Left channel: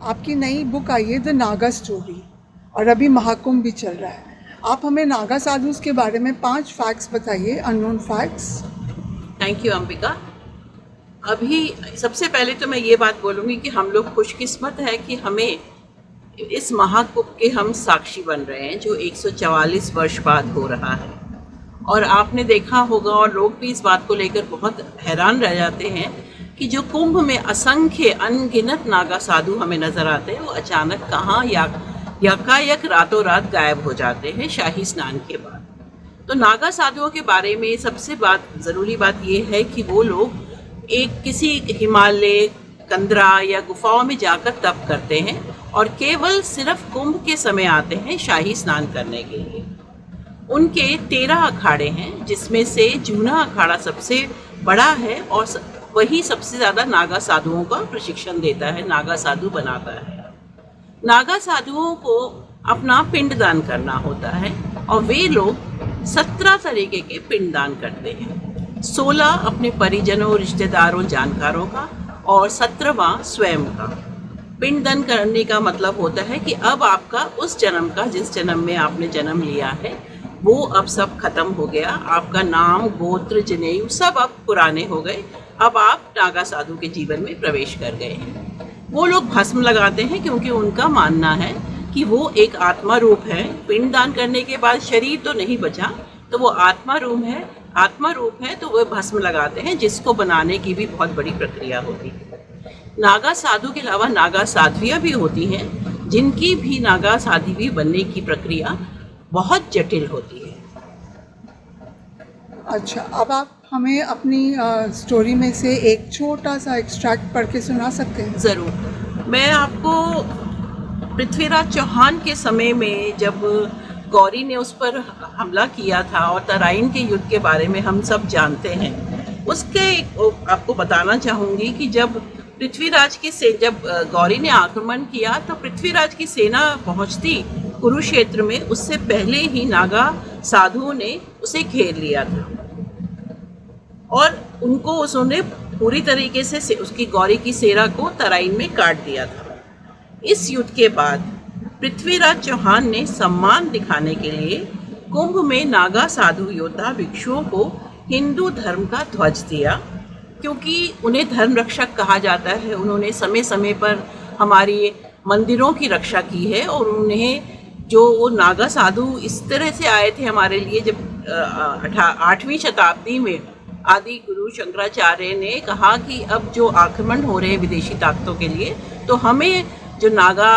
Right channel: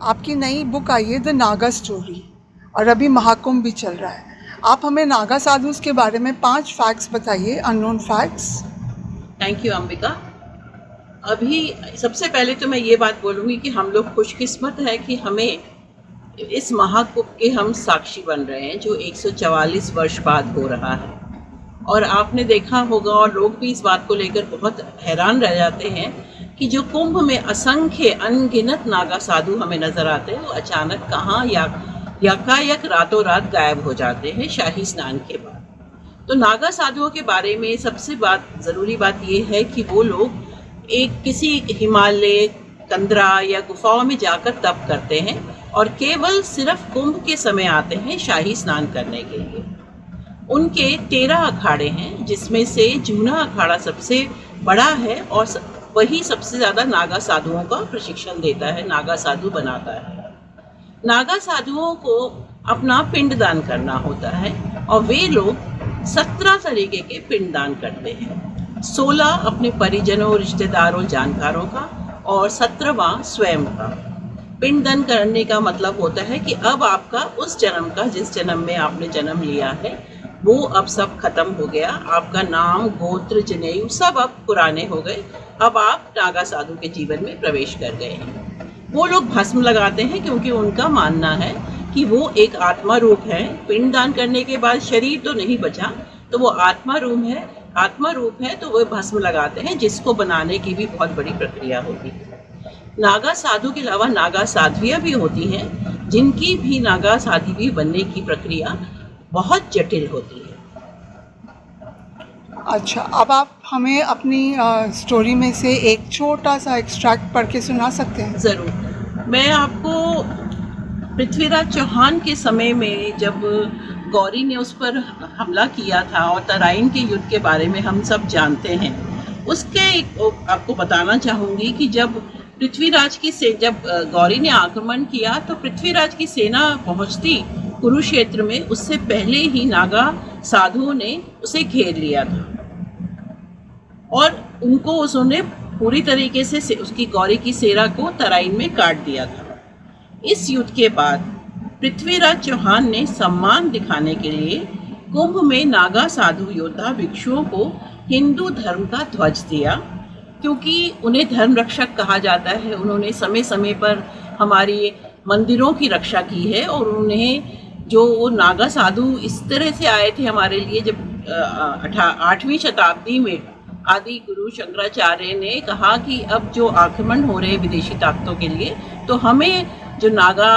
आपकी नई बुक आई है द नागा स्टोरी और अभी महाकुंभ भी चल रहा है। आप हमें नागा साधुस के बारे में 5 फैक्ट्स बताइए, unknown facts. Thank you Ambika. अभी सबसे पहले तो मैं ये बात बोलूँगी कि हम लोग खुशकिस्मत है कि हमें इस महाकुंभ के हम साक्षी बन रहे हैं जो 144 वर्ष बाद हो रहा है। और आपने देखा होगा और लोग भी इस बात को लेकर बहुत हैरान रह जाते हैं कि जो कुंभ में असंख्य अनगिनत नागा साधु हमें नजर आते हैं वो अचानक कहाँ यकायक रातों रात गायब हो जाते हैं शाही स्नान के बाद। तो नागा साधुओं के बारे में सबसे ज़रूरी बात ये है कि वो लोग एक किसी हिमालय कंदरा या गुफाओं में जाकर तप करते हैं और केवल सिर्फ कुंभ के समय आते हैं शाही स्नान करने के लिए। उनके 13 अखाड़े हैं जिसमें से जूना अखाड़ा सबसे बड़ा है और वही सबसे ज़्यादा नागा साधुओं का प्रशिक्षण देता है, नागा साधु बनाता है। नागा साधुओं को अपना पिंडदान करना होता है और वे लोग 17 तरीके के पिंडदान करते हैं। 16 अपने परिजनों, रिश्तेदारों, जानकारों का और 17वां स्वयं का। पिंडदान करने का मतलब होता है कि अब आपका उस जन्म का, जिस जन्म में आपने जन्म लिया है, वो अब सब खत्म हो गया। आपका नाम, गोत्र, जनेऊ सब अब पुराने हो गए। अब आप नागा साधु के जीवन में प्रवेश कर गए हैं। वो लोग भस्म लगाते हैं क्योंकि उनका मानना है कि वो एक आत्मा रूप है। पिंडदान करने के बाद शरीर तो नहीं बचा, तो वो आत्मा रूप है तो वो भस्म लगाते हैं, जिसको बनाने की भी बहुत बड़ी प्रक्रिया होती है। नागा साधु के अलावा नागा साध्वियाँ भी होती हैं, जिनकी भी नागा साध्वी बनने की प्रक्रिया बहुत जटिल होती है। अच्छा, अब आप हमें अपनी स्टोरी में से एक छोटा सा एक्सट्रैक्ट पढ़ के सुना सकते हैं? ज़रूर। मैं आपको पृथ्वीराज चौहान के समय में जब गौरी ने उस पर हमला किया था और तराइन के युद्ध के बारे में हम सब जानते हैं, उसके आपको बताना चाहूँगी कि जब गौरी ने आक्रमण किया तो पृथ्वीराज की सेना पहुँचती कुरुक्षेत्र में, उससे पहले ही नागा साधुओं ने उसे घेर लिया था और उन्होंने पूरी तरीके से उसकी गौरी की सेना को तराइन में काट दिया था। इस युद्ध के बाद पृथ्वीराज चौहान ने सम्मान दिखाने के लिए कुंभ में नागा साधु योद्धा भिक्षुओं को हिंदू धर्म का ध्वज दिया, क्योंकि उन्हें धर्म रक्षक कहा जाता है। उन्होंने समय समय पर हमारी मंदिरों की रक्षा की है और उन्हें जो वो नागा साधु इस तरह से आए थे हमारे लिए, जब 8वीं शताब्दी में आदि गुरु शंकराचार्य ने कहा कि अब जो आक्रमण हो रहे हैं विदेशी ताकतों के लिए, तो हमें जो नागा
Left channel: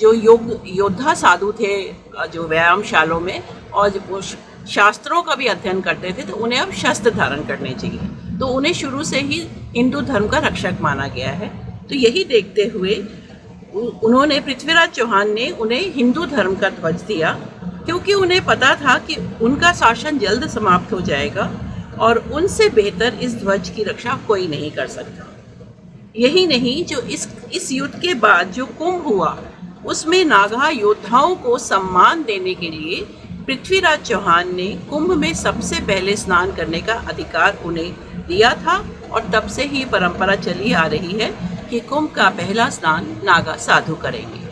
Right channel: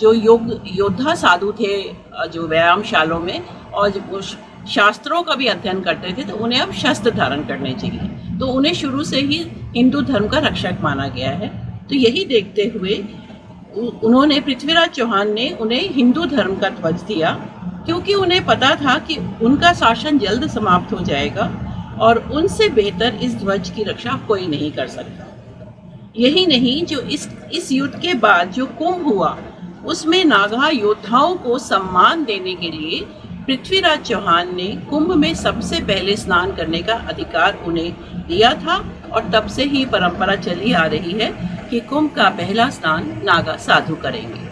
जो योद्धा साधु थे जो व्यायामशालों में और वो शास्त्रों का भी अध्ययन करते थे, तो उन्हें अब शस्त्र धारण करने चाहिए। तो उन्हें शुरू से ही हिंदू धर्म का रक्षक माना गया है। तो यही देखते हुए उन्होंने, पृथ्वीराज चौहान ने उन्हें हिंदू धर्म का ध्वज दिया, क्योंकि उन्हें पता था कि उनका शासन जल्द समाप्त हो जाएगा और उनसे बेहतर इस ध्वज की रक्षा कोई नहीं कर सकता। यही नहीं, जो इस युद्ध के बाद जो कुंभ हुआ उसमें नागा योद्धाओं को सम्मान देने के लिए पृथ्वीराज चौहान ने कुंभ में सबसे पहले स्नान करने का अधिकार उन्हें दिया था और तब से ही परंपरा चली आ रही है कि कुंभ का पहला स्नान नागा साधु करेंगे।